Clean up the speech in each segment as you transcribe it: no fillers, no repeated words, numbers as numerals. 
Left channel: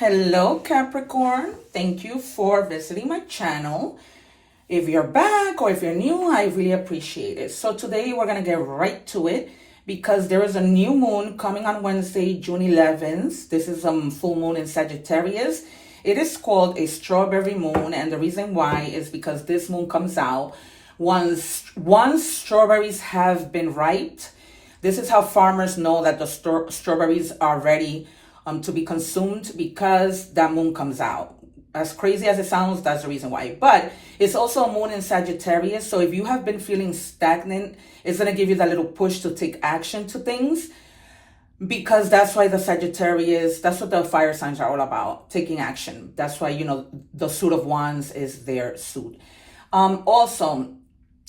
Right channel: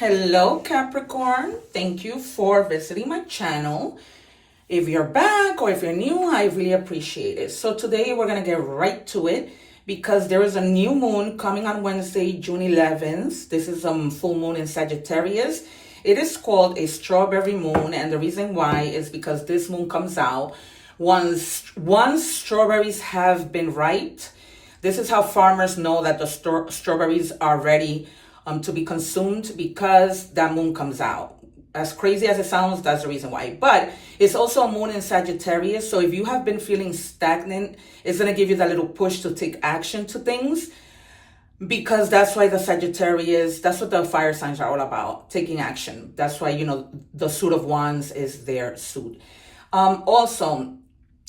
Hello Capricorn, thank you for visiting my channel. If you're back or if you're new, I really appreciate it. So today we're gonna get right to it because there is a new moon coming on Wednesday, June 11th. This is a full moon in Sagittarius. It is called a strawberry moon, and the reason why is because this moon comes out once strawberries have been ripe. This is how farmers know that the strawberries are ready to be consumed, because that moon comes out. As crazy as it sounds, that's the reason why. But it's also a moon in Sagittarius, so if you have been feeling stagnant, it's going to give you that little push to take action to things, because that's why the Sagittarius, that's what the fire signs are all about, taking action. That's why, you know, the suit of wands is their suit. Also,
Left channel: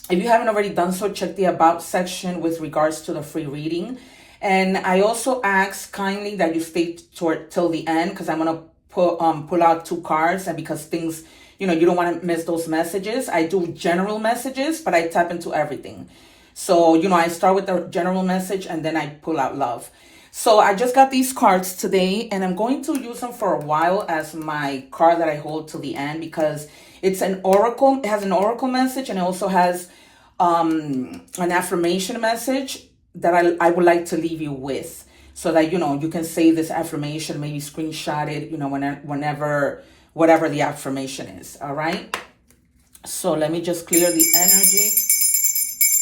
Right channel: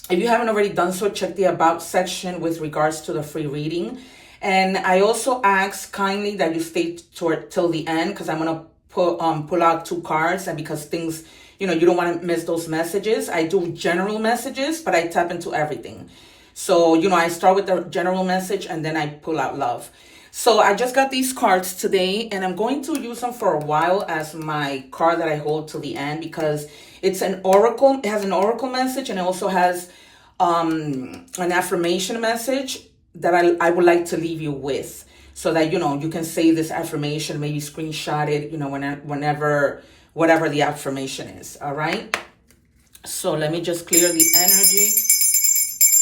if you haven't already done so, check the about section with regards to the free reading. And I also ask kindly that you stay till the end, because I'm going to pull out 2 cards, and because things, you know, you don't want to miss those messages. I do general messages, but I tap into everything. So, you know, I start with the general message and then I pull out love. So I just got these cards today, and I'm going to use them for a while as my card that I hold till the end, because it's an oracle. It has an oracle message, and it also has an affirmation message that I would like to leave you with, so that, you know, you can say this affirmation, maybe screenshot it, you know, whenever, whatever the affirmation is. All right. So let me just clear the energy,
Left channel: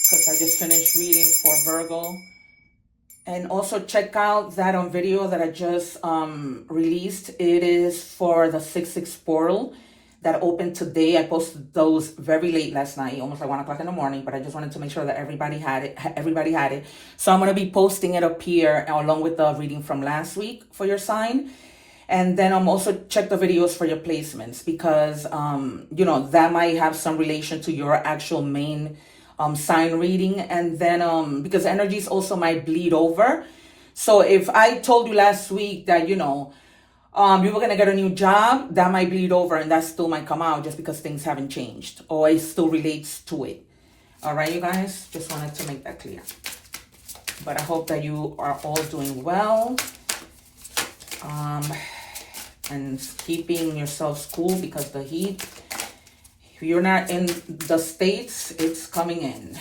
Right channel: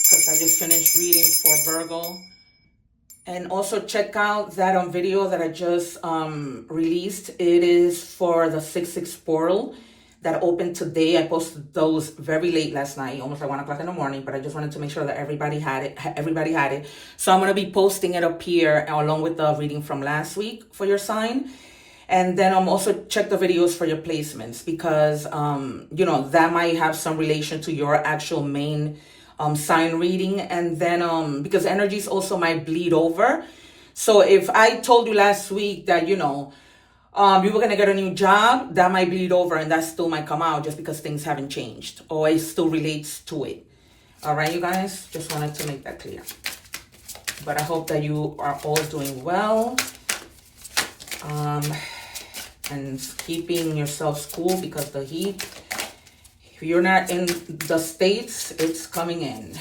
because I just finished reading for Virgo. And also check out that video that I just released. It is for the 6/6 portal that opened today. I posted those very late last night, almost like 1 o'clock in the morning, but I just wanted to make sure that everybody had it. So I'm going to be posting it up here along with the reading from last week for your sign. And then I'm also check the videos for your placements, because, you know, that might have some relation to your actual main sign reading. And then, because energies also might bleed over. So if I told you last week that, you know, you were going to get a new job, that might bleed over, and that still might come out just because things haven't changed, or it still relates to it. All right, you guys, just wanted to make that clear. But I hope that you are all doing well, and keeping yourselves cool, because the heat, if you're not in the States, it's coming in.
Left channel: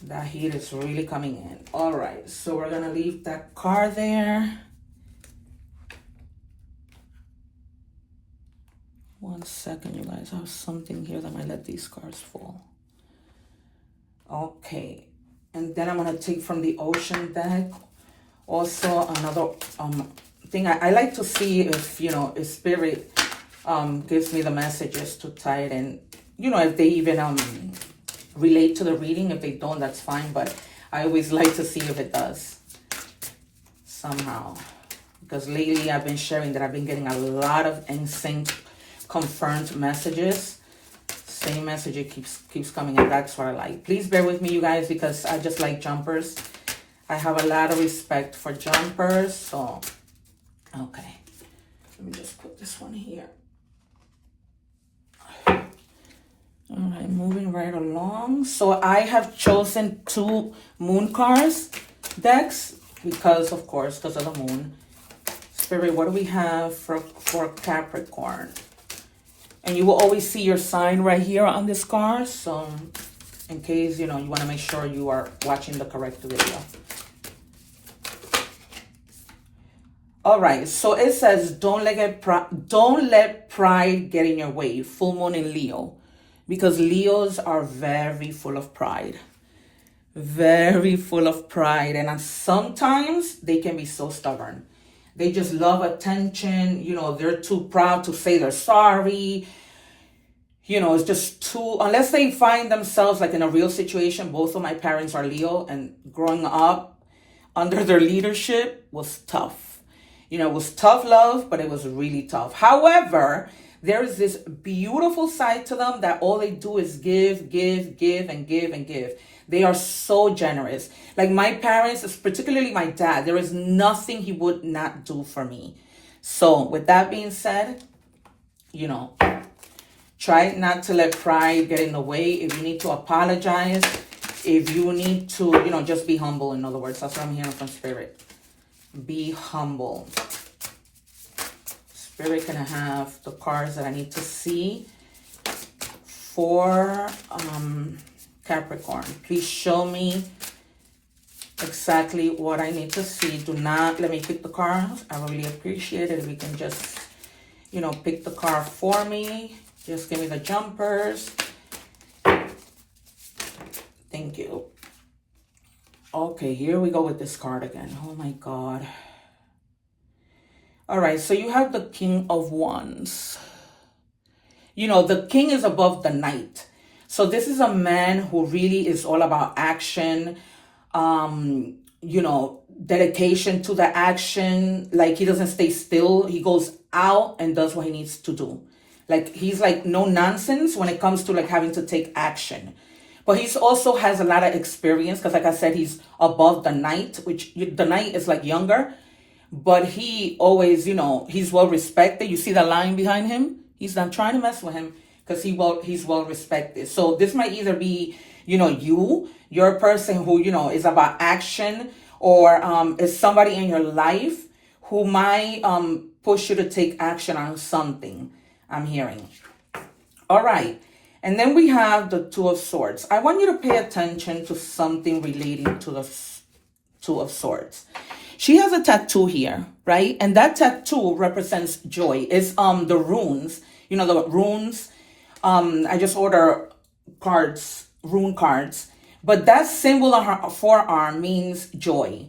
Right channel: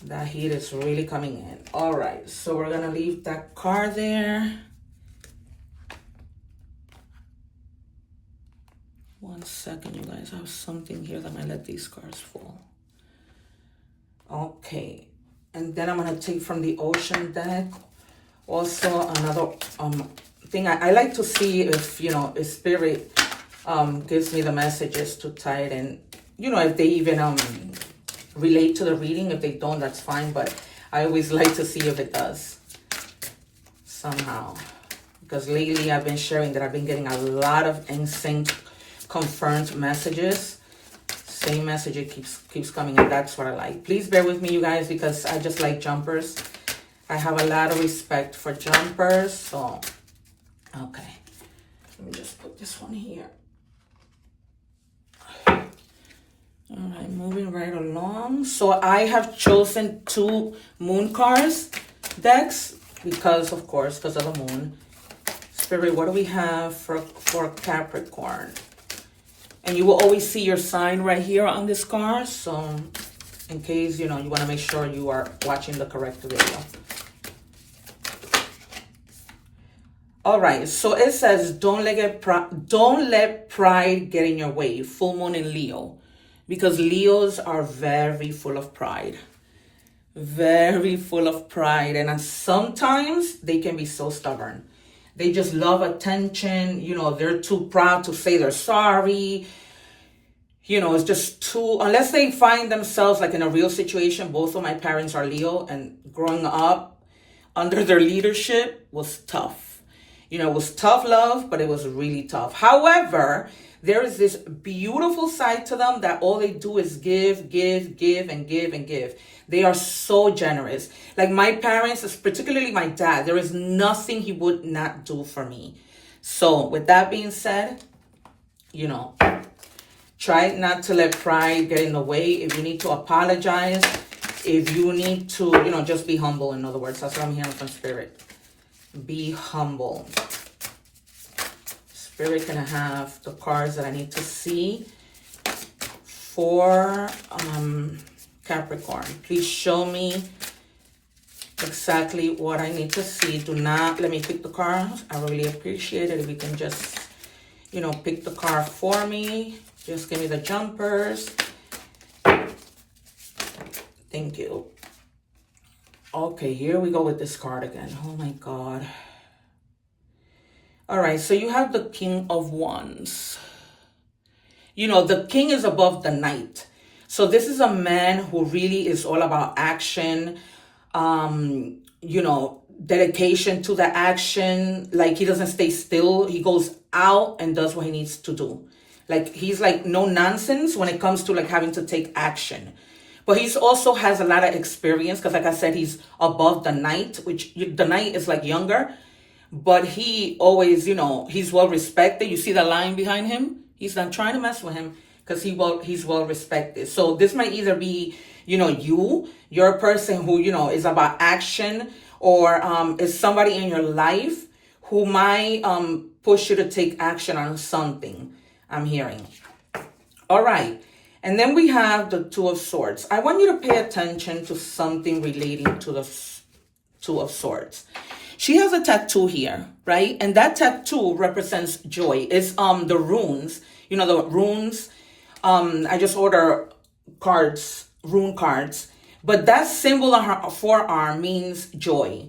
The heat is really coming in. All right, so we're going to leave that card there. 1 second, you guys. I have something here that might let these cards fall. Okay. And then I'm going to take from the ocean deck. Also, another thing. I like to see if, you know, if spirit gives me the messages to tie it in. You know, if they even relate to the reading. If they don't, that's fine. But I always like to see if it does somehow. Because lately I've been sharing that I've been getting a lot of insane confirmed messages. Same message, it keeps coming, and that's what I like. Please bear with me, you guys, because I just like jumpers. I have a lot of respect for jumpers. So okay, let me just put this one here. All right, moving right along. So I have chosen 2 moon cards decks, because of the moon. Spirit, what do we have for Capricorn? And you will always see your sign right here on this card. So in case, you know, you want to make sure you are watching the correct video. All right. So it says, don't let pride get in your way. Full moon in Leo. Because Leos are very full of pride. Very full of pride. And sometimes they can be so stubborn. They just love attention. You know, they're too proud to say they're sorry. You know, it's just too, unless they find themselves like in a real situation. Both of my parents are Leo, and growing up under their leadership was tough. You know, it was tough love, but it was really tough. However, there is this beautiful side to them that all they do is give, and give. They are so generous. Like my parents, particularly my dad, there is nothing he would not do for me. So with that being said, you know, try not to let pride get in the way. If you need to apologize, if you need to, you know, just be humble. In other words, that's what I'm hearing from Spirit. Be humble. Spirit, can I have the cards that I need to see for Capricorn? Please show me exactly what I need to see. Do not let me pick the cards. I really appreciate it if you can just, you know, pick the card for me. Just give me the jumpers. Thank you. Okay, here we go with this card again. Oh my God. All right, so you have the King of Wands. You know, the king is above the knight. So this is a man who really is all about action, you know, dedication to the action. Like, he doesn't stay still. He goes out and does what he needs to do. Like, he's like no nonsense when it comes to like having to take action. But he also has a lot of experience because, like I said, he's above the knight, which the knight is like younger. But he always, you know, he's well respected. You see the line behind him? He's not trying to mess with him because he's well respected. So this might either be, you know, you're a person who, you know, is about action, or is somebody in your life who might push you to take action on something, I'm hearing. All right. And then we have the Two of Swords. I want you to pay attention to something relating to the Two of Swords. She has a tattoo here, right? And that tattoo represents joy. It's the runes, you know, the runes. I just order cards, rune cards. But that symbol on her forearm means joy.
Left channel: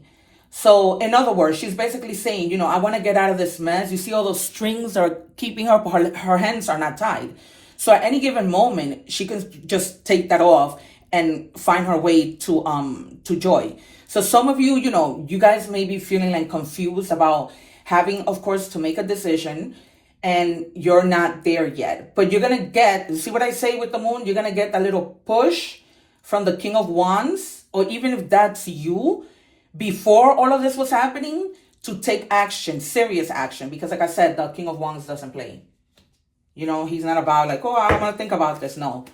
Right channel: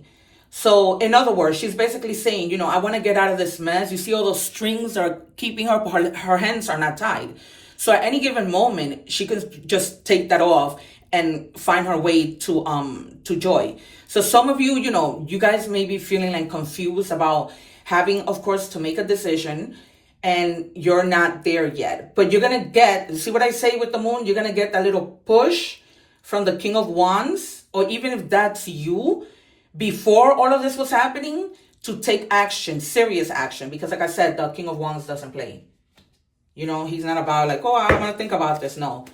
So in other words, she's basically saying, you know, I want to get out of this mess. You see all those strings that are keeping her, but her hands are not tied. So at any given moment, she can just take that off and find her way to joy. So some of you, you know, you guys may be feeling like confused about having, of course, to make a decision, and you're not there yet. But you're going to get, see what I say with the moon? You're going to get a little push from the King of Wands, or even if that's you, before all of this was happening, to take action, serious action. Because like I said, the King of Wands doesn't play. You know, he's not about like, oh, I'm going to think about this. No.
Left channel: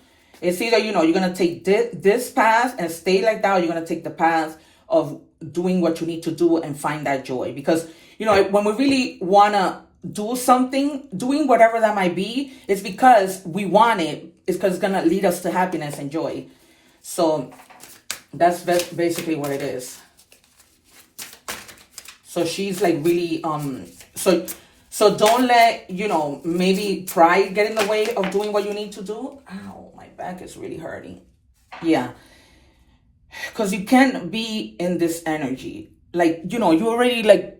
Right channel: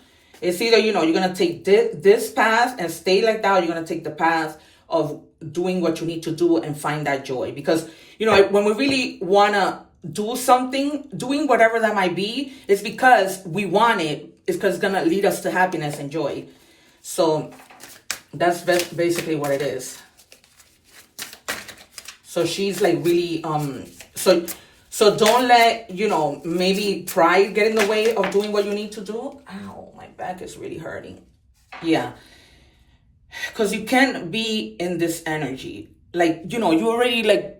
It's either, you know, you're going to take this path and stay like that, or you're going to take the path of doing what you need to do and find that joy. Because, you know, when we really want to do something, doing whatever that might be, it's because we want it. It's because it's going to lead us to happiness and joy. So that's basically what it is. So she's like really, so don't let, you know, maybe pride get in the way of doing what you need to do. Ow, my back is really hurting. Yeah. Because you can't be in this energy. Like, you know, you already like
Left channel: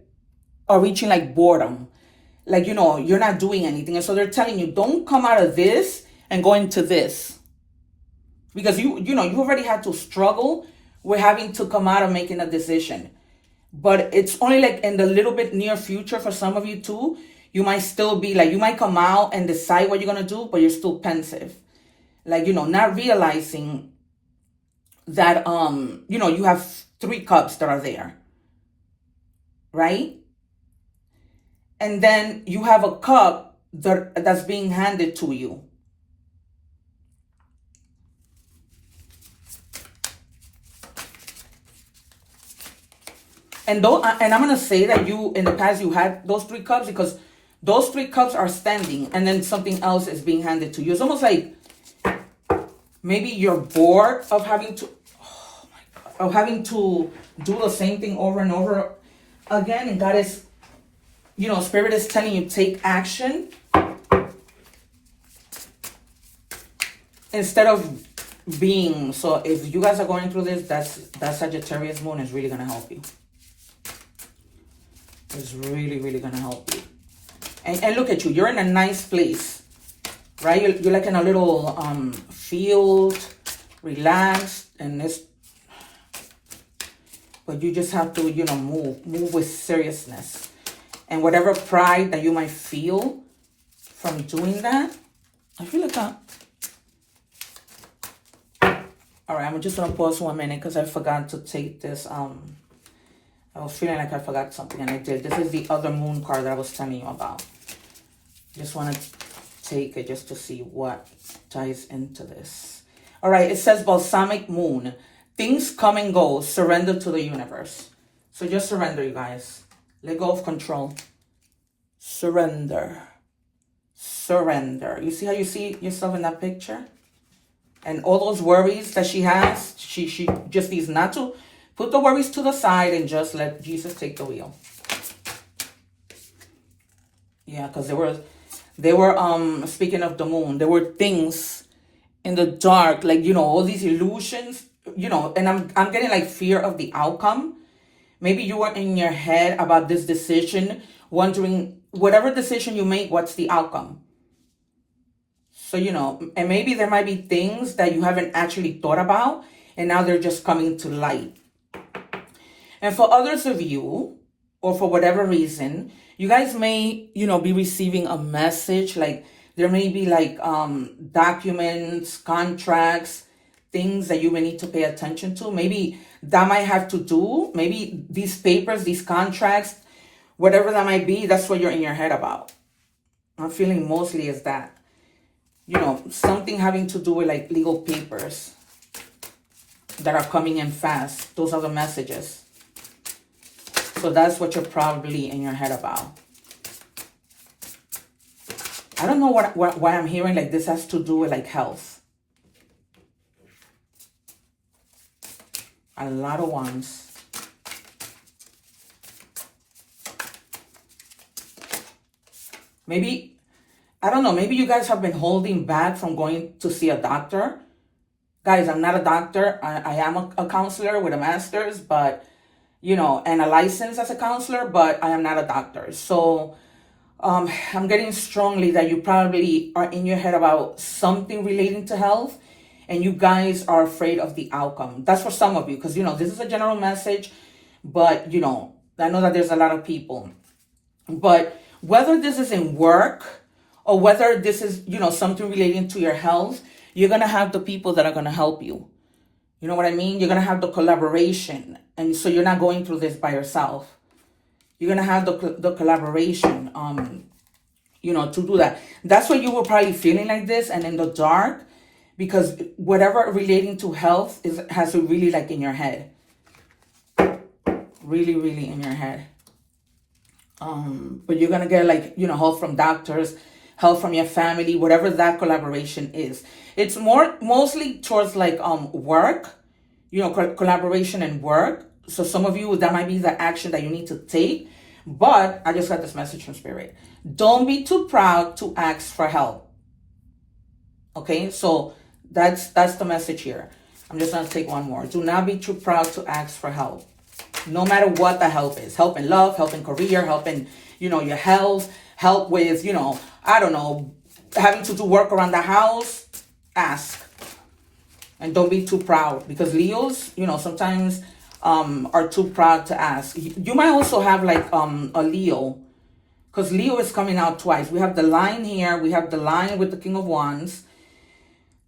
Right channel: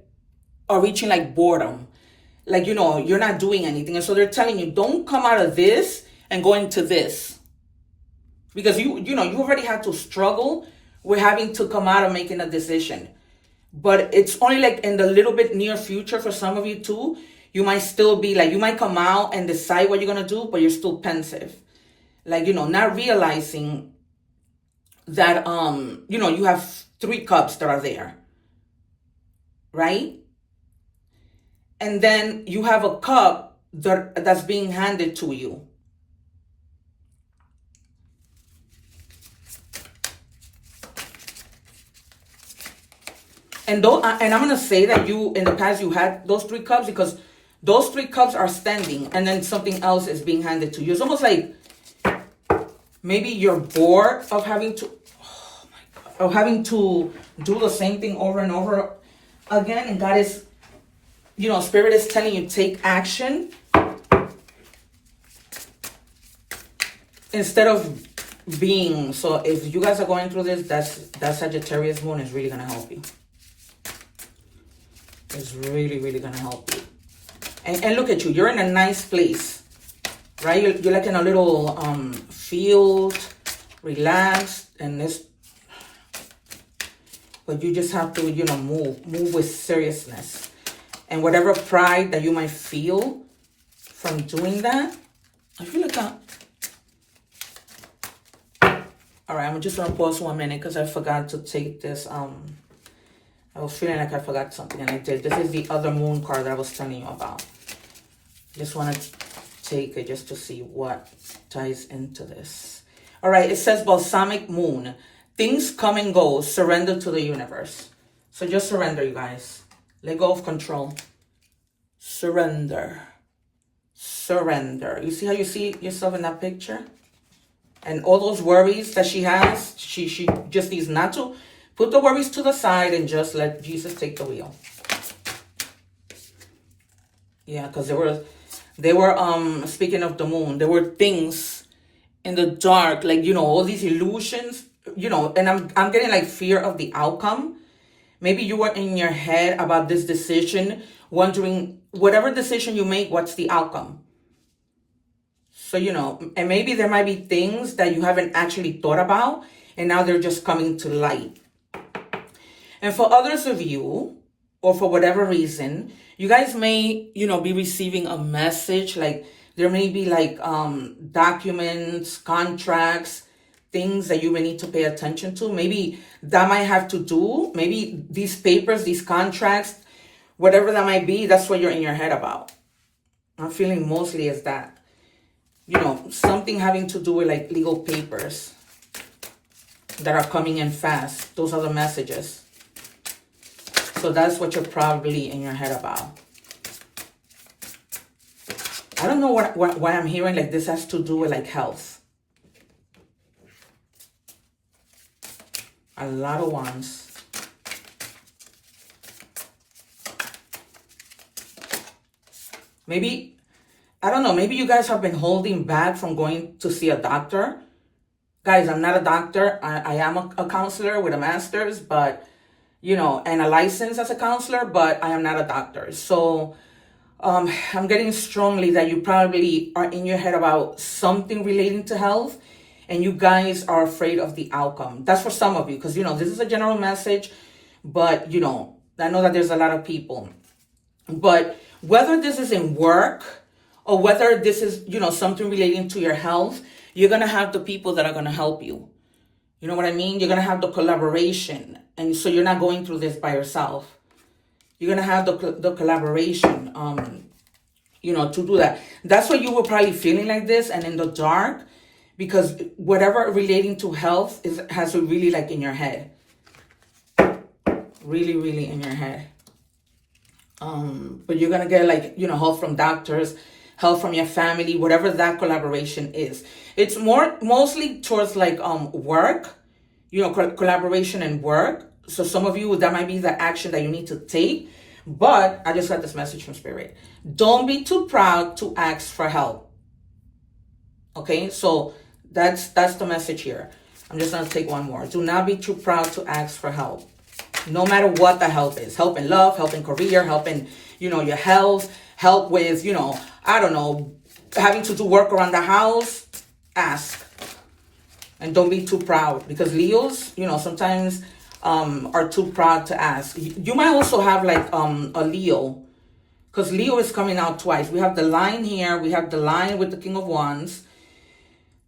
are reaching like boredom. Like, you know, you're not doing anything. And so they're telling you, don't come out of this and go into this. Because you know, you already had to struggle with having to come out of making a decision. But it's only like in the little bit near future for some of you too. You might still be like, you might come out and decide what you're going to do, but you're still pensive. Like, you know, not realizing that, you know, you have 3 cups that are there. Right? And then you have a cup that's being handed to you. And I'm going to say that you, in the past, you had those 3 cups because those 3 cups are standing and then something else is being handed to you. It's almost like maybe you're bored of having to, do the same thing over and over again. And God is, you know, Spirit is telling you, take action instead of being. So if you guys are going through this, that Sagittarius moon is really going to help you. It's really, really going to help you. And look at you. You're in a nice place, right? You're like in a little field, relaxed, and this. But you just have to, you know, move with seriousness. And whatever pride that you might feel from doing that, I feel like all right, I'm just going to pause 1 minute because I forgot to take this. I was feeling like I forgot something, and I did. This is the other moon card that I was telling you about. Just want to take it just to see what ties into this. All right, it says balsamic moon. Things come and go. Surrender to the universe. So just surrender, you guys. Let go of control. Surrender. Surrender. You see how you see yourself in that picture? And all those worries that she has, she just needs not to put the worries to the side and just let Jesus take the wheel. Yeah, because they were speaking of the moon, there were things in the dark, like, you know, all these illusions, you know, and I'm getting like fear of the outcome. Maybe you were in your head about this decision, wondering whatever decision you make, what's the outcome? So, you know, and maybe there might be things that you haven't actually thought about, and now they're just coming to light. And for others of you, or for whatever reason, you guys may, you know, be receiving a message, like there may be like documents, contracts, things that you may need to pay attention to. Maybe that might have to do, maybe these papers, these contracts, whatever that might be, that's what you're in your head about. I'm feeling mostly is that, you know, something having to do with like legal papers that are coming in fast. Those are the messages. So that's what you're probably in your head about. I don't know why I'm hearing like this has to do with like health. A lot of wands. Maybe, I don't know, maybe you guys have been holding back from going to see a doctor. Guys, I'm not a doctor. I am a counselor with a master's, but, you know, and a license as a counselor, but I am not a doctor. So I'm getting strongly that you probably are in your head about something relating to health, and you guys are afraid of the outcome. That's for some of you, because, you know, this is a general message, but, you know, I know that there's a lot of people. But whether this is in work or whether this is, you know, something relating to your health, you're going to have the people that are going to help you. You know what I mean? You're going to have the collaboration. And so you're not going through this by yourself. You're going to have the collaboration, you know, to do that. That's why you were probably feeling like this and in the dark, because whatever relating to health has to really like in your head. Really, really in your head. But you're going to get like, you know, help from doctors, help from your family, whatever that collaboration is. It's mostly towards like work, you know, collaboration and work. So some of you, that might be the action that you need to take. But I just got this message from Spirit. Don't be too proud to ask for help. Okay, so that's the message here. I'm just going to take one more. Do not be too proud to ask for help. No matter what the help is. Help in love, help in career, help in, you know, your health, help with, you know, I don't know, having to do work around the house. Ask. And don't be too proud, because Leos, you know, sometimes are too proud to ask. You might also have like a Leo, because Leo is coming out twice. We have the line here. We have the line with the King of Wands.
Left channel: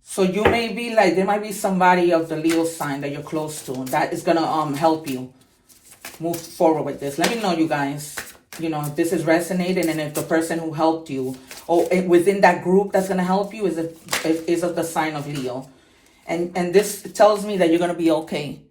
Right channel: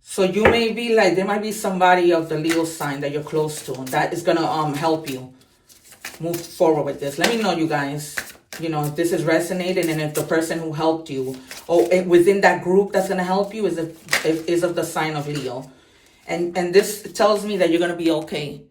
So you may be like, there might be somebody of the Leo sign that you're close to that is going to help you move forward with this. Let me know, you guys, you know, if this is resonating, and if the person who helped you or within that group that's going to help you is of the sign of Leo. And this tells me that you're going to be okay.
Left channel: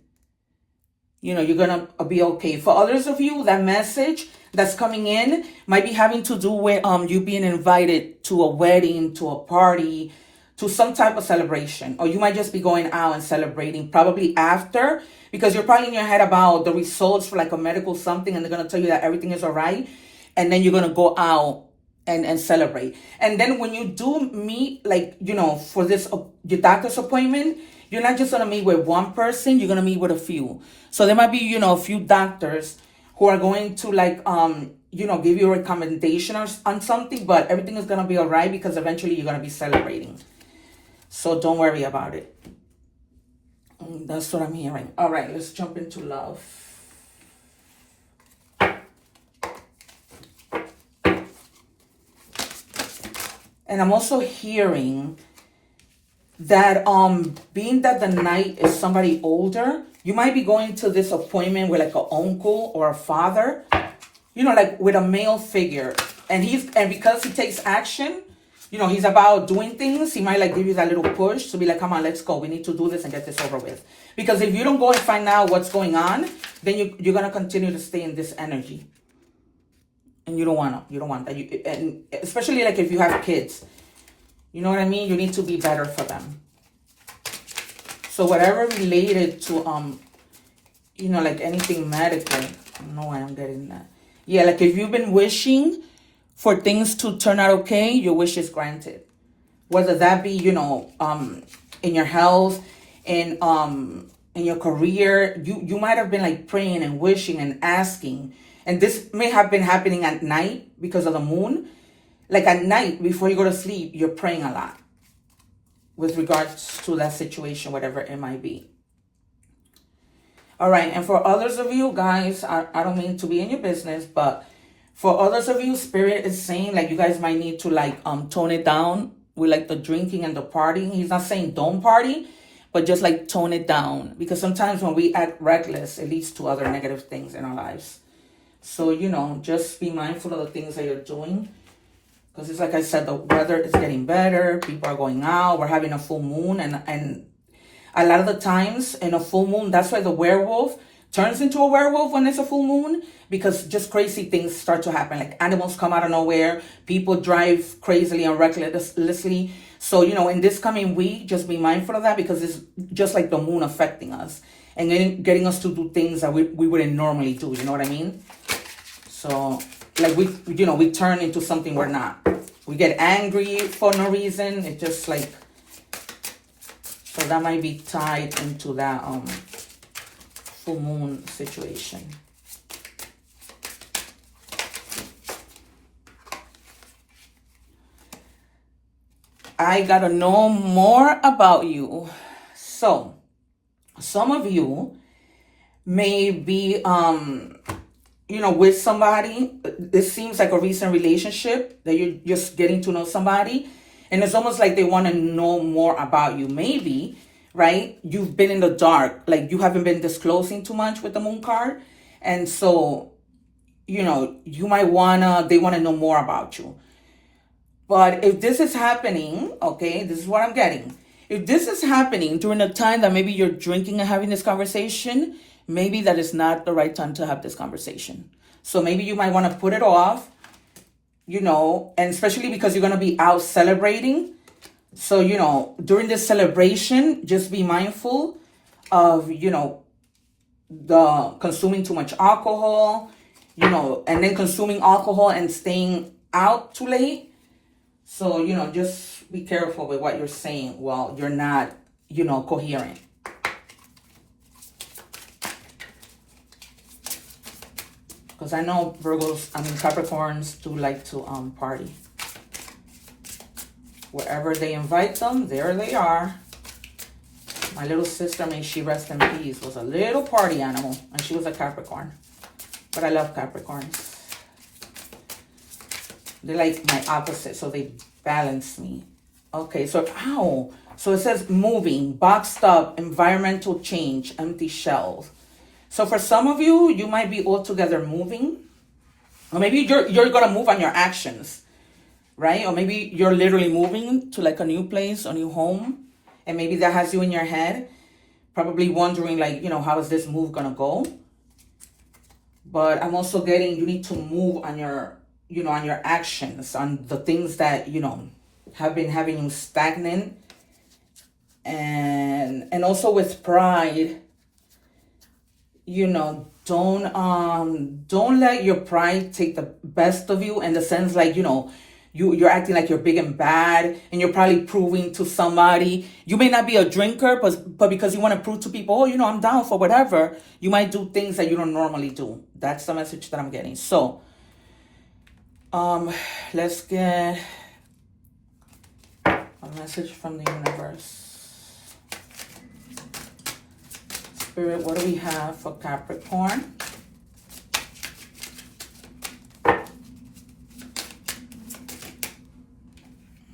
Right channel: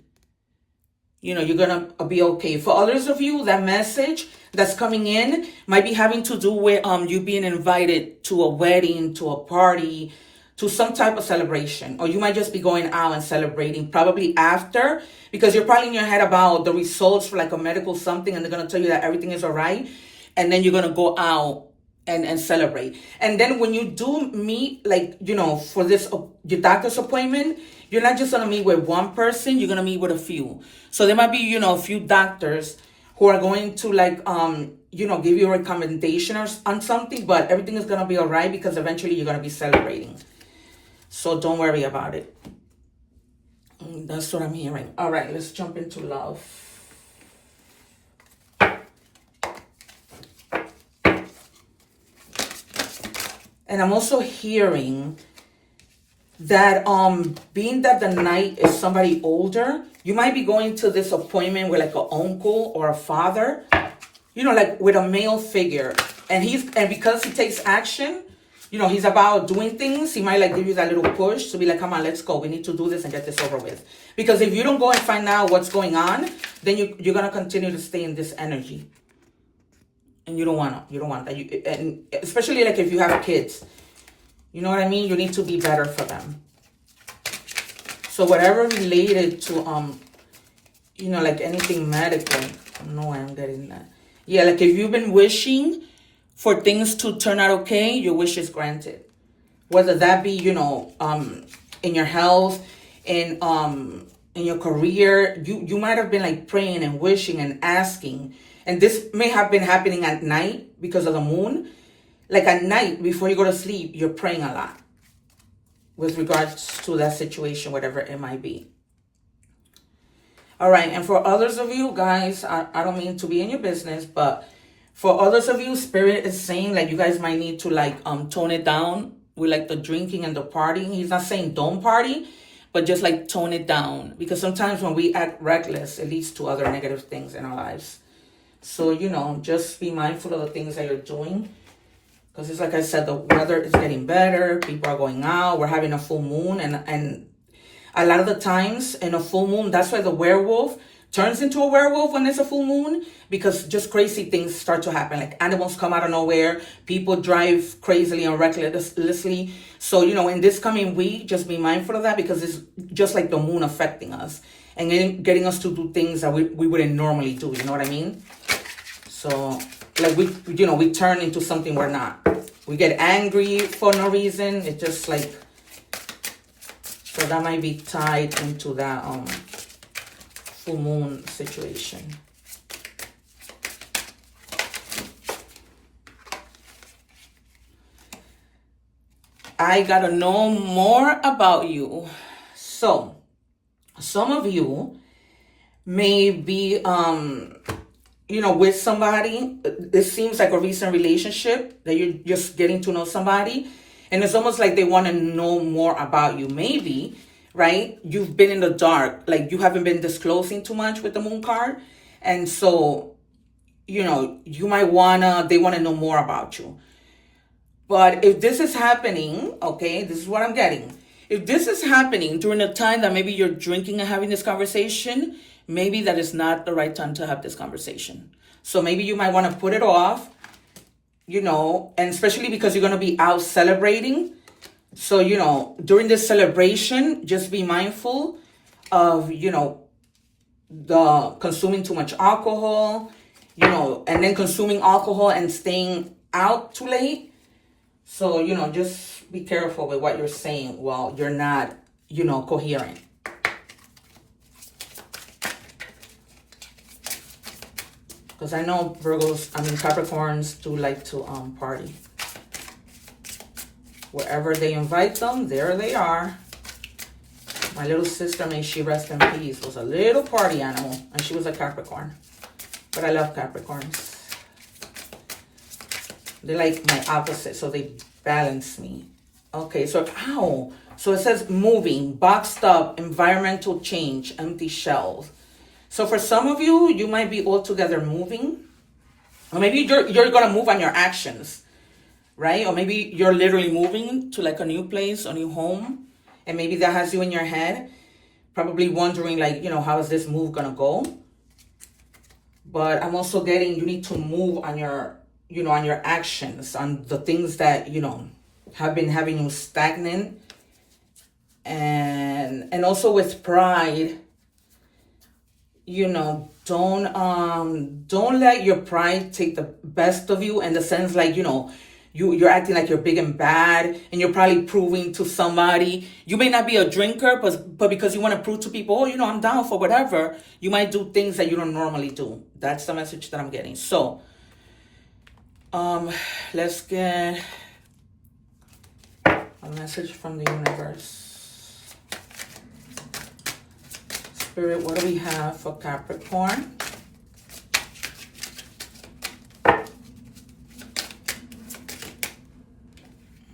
You know, you're going to be okay. For others of you, that message that's coming in might be having to do with you being invited to a wedding, to a party, to some type of celebration. Or you might just be going out and celebrating probably after, because you're probably in your head about the results for like a medical something, and they're going to tell you that everything is all right. And then you're going to go out and celebrate. And then when you do meet, like, you know, for this, your doctor's appointment, you're not just going to meet with one person, you're going to meet with a few. So there might be, you know, a few doctors who are going to like, you know, give you a recommendation on something, but everything is going to be all right, because eventually you're going to be celebrating. So don't worry about it. That's what I'm hearing. All right, let's jump into love. And I'm also hearing that being that the knight is somebody older, you might be going to this appointment with like an uncle or a father, you know, like with a male figure. And because he takes action, you know, he's about doing things, he might like give you that little push to be like, come on, let's go. We need to do this and get this over with. Because if you don't go and find out what's going on, then you're going to continue to stay in this energy. And you don't want that. And especially like if you have kids, you know what I mean? You need to be better for them. So whatever related to, like anything medical, I don't know why I'm getting that. Yeah, like if you've been wishing for things to turn out okay, your wish is granted. Whether that be, in your health, in your career, you might have been like praying and wishing and asking. And this may have been happening at night because of the moon. Like at night, before you go to sleep, you're praying a lot with regards to that situation, whatever it might be. All right, and for others of you guys, I don't mean to be in your business, but for others of you, Spirit is saying like you guys might need to like tone it down with like the drinking and the partying. He's not saying don't party, but just like tone it down. Because sometimes when we act reckless, it leads to other negative things in our lives. So, just be mindful of the things that you're doing. Because it's like I said, the weather is getting better. People are going out. We're having a full moon. And a lot of the times in a full moon, that's why the werewolf turns into a werewolf when it's a full moon. Because just crazy things start to happen. Like animals come out of nowhere. People drive crazily and recklessly. So, in this coming week, just be mindful of that. Because it's just like the moon affecting us. And getting us to do things that we wouldn't normally do. You know what I mean? So, like we turn into something we're not. We get angry for no reason. It's just like, so that might be tied into that full moon situation. I gotta know more about you. So, some of you may be with somebody. It seems like a recent relationship that you're just getting to know somebody. And it's almost like they want to know more about you. Maybe, right? You've been in the dark. Like you haven't been disclosing too much with the moon card. And so, you might they want to know more about you. But if this is happening, okay, this is what I'm getting. If this is happening during a time that maybe you're drinking and having this conversation, maybe that is not the right time to have this conversation. So maybe you might want to put it off, and especially because you're going to be out celebrating. So, during this celebration, just be mindful of, the consuming too much alcohol, and then consuming alcohol and staying out too late. So, just be careful with what you're saying while you're not, coherent. Because I know Capricorns do like to party. Wherever they invite them, there they are. My little sister, may she rest in peace, was a little party animal. And she was a Capricorn. But I love Capricorns. They're like my opposite, so they balance me. Okay, so, So it says moving, boxed up, environmental change, empty shells. So for some of you, you might be altogether moving. Or maybe you're going to move on your actions, right? Or maybe you're literally moving to like a new place, a new home. And maybe that has you in your head, probably wondering like, how is this move going to go? But I'm also getting, you need to move on your, on your actions, on the things that, have been having you stagnant. And also with pride, don't let your pride take the best of you, in the sense like, you're acting like you're big and bad, and you're probably proving to somebody. You may not be a drinker, but because you want to prove to people, I'm down for whatever, you might do things that you don't normally do. That's the message that I'm getting. So, let's get a message from the universe. Spirit, what do we have for Capricorn? All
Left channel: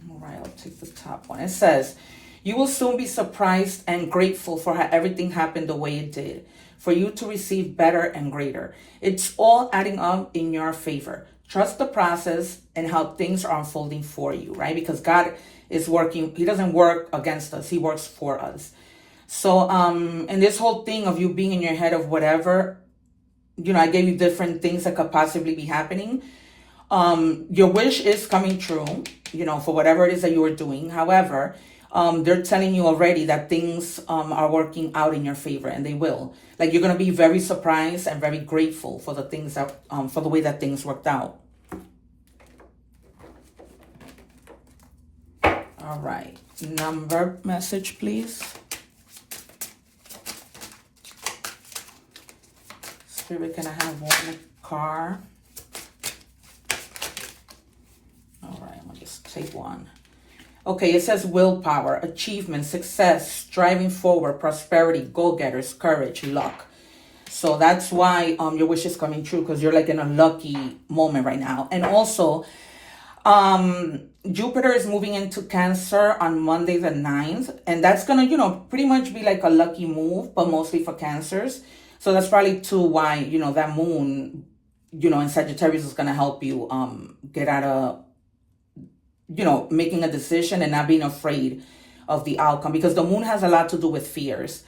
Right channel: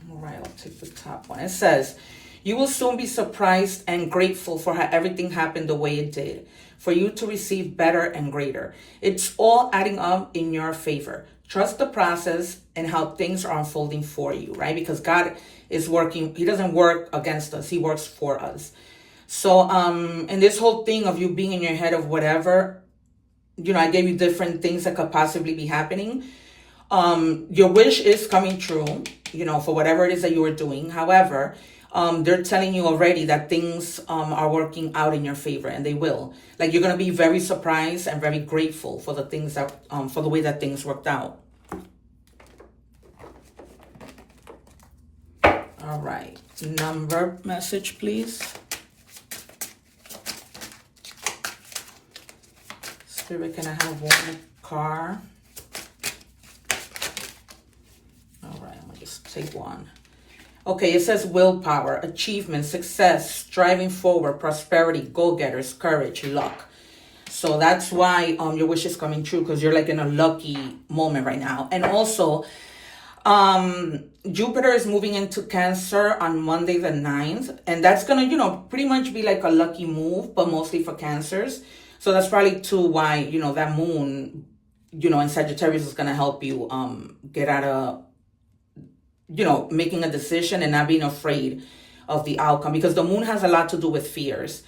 right, I'll take the top one. It says, you will soon be surprised and grateful for how everything happened the way it did, for you to receive better and greater. It's all adding up in your favor. Trust the process and how things are unfolding for you, right? Because God is working. He doesn't work against us. He works for us. So, and this whole thing of you being in your head of whatever, I gave you different things that could possibly be happening. Your wish is coming true, you know, for whatever it is that you are doing. However, they're telling you already that things are working out in your favor, and they will. Like, you're going to be very surprised and very grateful for the things that, for the way that things worked out. All right. Number message, please. Spirit, can I have one car? All right, I'm going to just take one. Okay, it says willpower, achievement, success, striving forward, prosperity, go-getters, courage, luck. So that's why your wish is coming true, because you're like in a lucky moment right now. And also, Jupiter is moving into Cancer on Monday the 9th. And that's going to, you know, pretty much be like a lucky move, but mostly for Cancers. So that's probably too why, you know, that moon, you know, in Sagittarius is going to help you get out of, you know, making a decision and not being afraid of the outcome, because the moon has a lot to do with fears.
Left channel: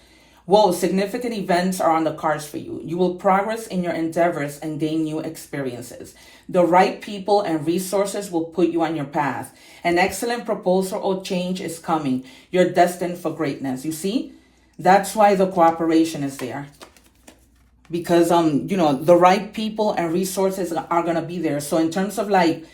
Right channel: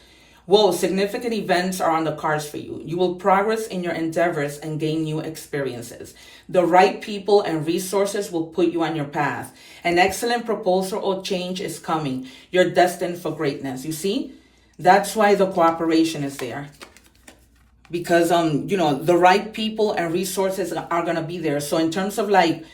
Whoa, significant events are on the cards for you. You will progress in your endeavors and gain new experiences. The right people and resources will put you on your path. An excellent proposal or change is coming. You're destined for greatness. You see, that's why the cooperation is there. Because, you know, the right people and resources are going to be there. So in terms of like,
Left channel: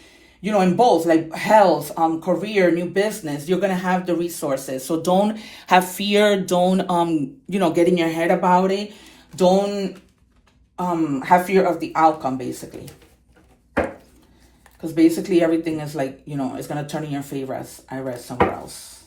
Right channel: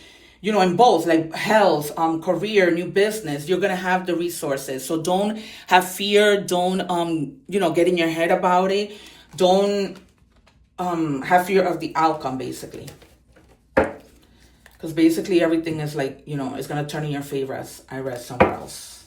you know, in both like health, career, new business, you're going to have the resources. So don't have fear. Don't, you know, get in your head about it. Don't have fear of the outcome, basically. Because basically everything is like, you know, it's going to turn in your favor, as I read somewhere else.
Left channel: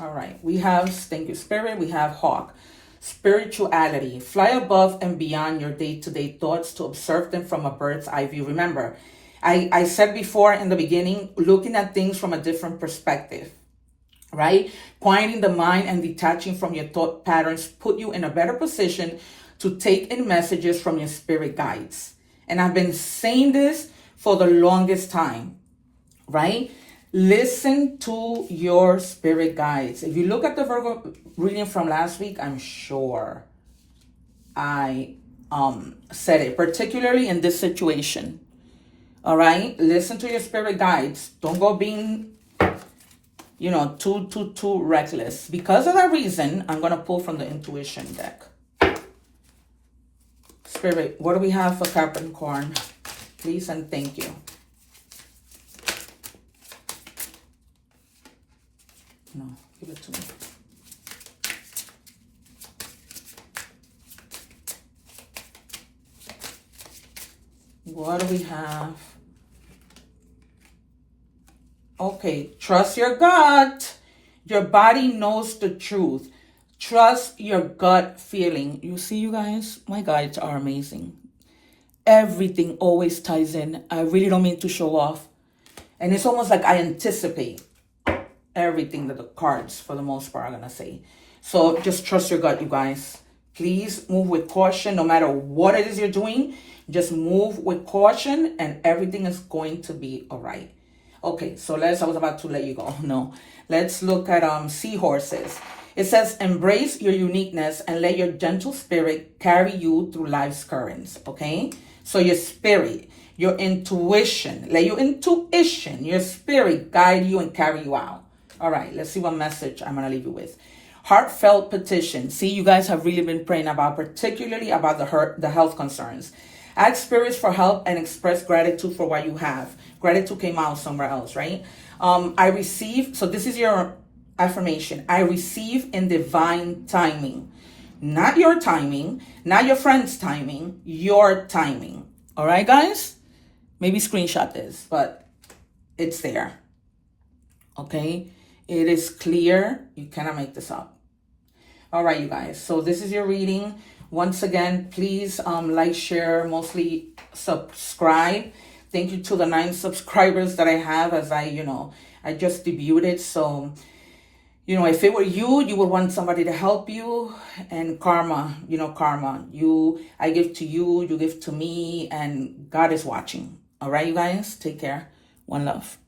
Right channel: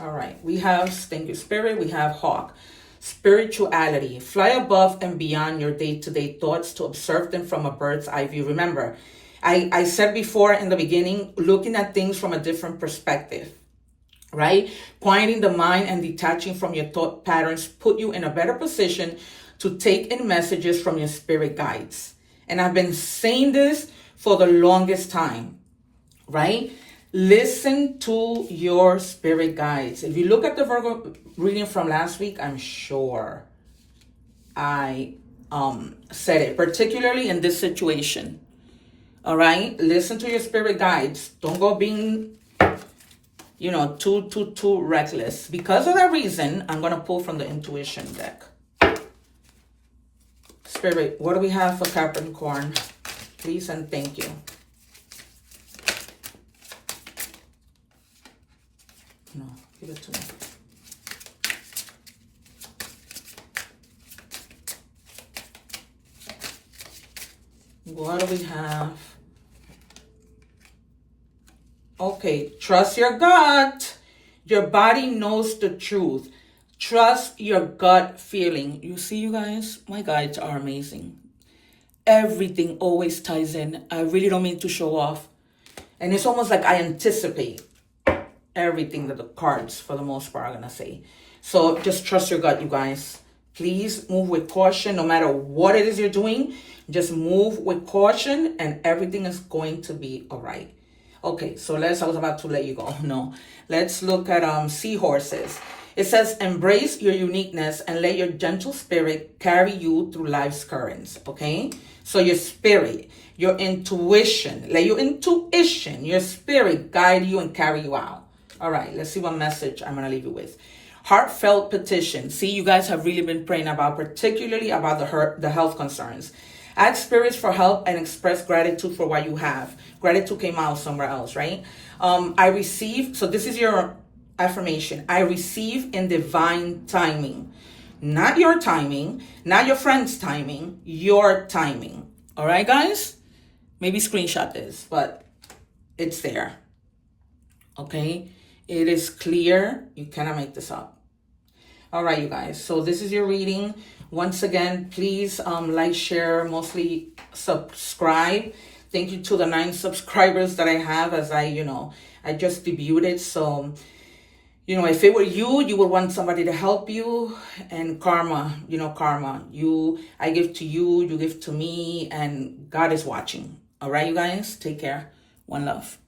All right. We have, thank you, Spirit. We have Hawk. Spirituality. Fly above and beyond your day-to-day thoughts to observe them from a bird's eye view. Remember, I said before in the beginning, looking at things from a different perspective, right? Quieting the mind and detaching from your thought patterns put you in a better position to take in messages from your spirit guides. And I've been saying this for the longest time, right? Listen to your spirit guides. If you look at the Virgo reading from last week, I'm sure I said it, particularly in this situation. All right? Listen to your spirit guides. Don't go being, you know, too reckless. Because of that reason, I'm going to pull from the intuition deck. Spirit, what do we have for Capricorn? Please and thank you. No, give it to me. What do we have? Okay, trust your gut. Your body knows the truth. Trust your gut feeling. You see, you guys, my guides are amazing. Everything always ties in. I really don't mean to show off. And it's almost like I anticipate everything that the cards, for the most part, are going to say. So just trust your gut, you guys. Please move with caution. No matter what it is you're doing, just move with caution and everything is going to be all right. Okay, so I was about to let you go. No, let's look at seahorses. It says, embrace your uniqueness and let your gentle spirit carry you through life's currents, okay? So your spirit, your intuition, let your intuition, your spirit guide you and carry you out. All right, let's see what message I'm going to leave you with. Heartfelt petition. See, you guys have really been praying about, particularly about the health concerns. Ask spirits for help and express gratitude for what you have. Gratitude came out somewhere else, right? I receive, so this is your affirmation. I receive in divine timing. Not your timing, not your friend's timing, your timing. All right, guys? Maybe screenshot this, but it's there. Okay? It is clear. You cannot make this up. All right, you guys. So this is your reading. Once again, please like, share, mostly subscribe. Thank you to the 9 subscribers that I have, as I just debuted. So, if it were you, you would want somebody to help you. And karma, karma. I give to you, you give to me, and God is watching. All right, you guys? Take care. One love.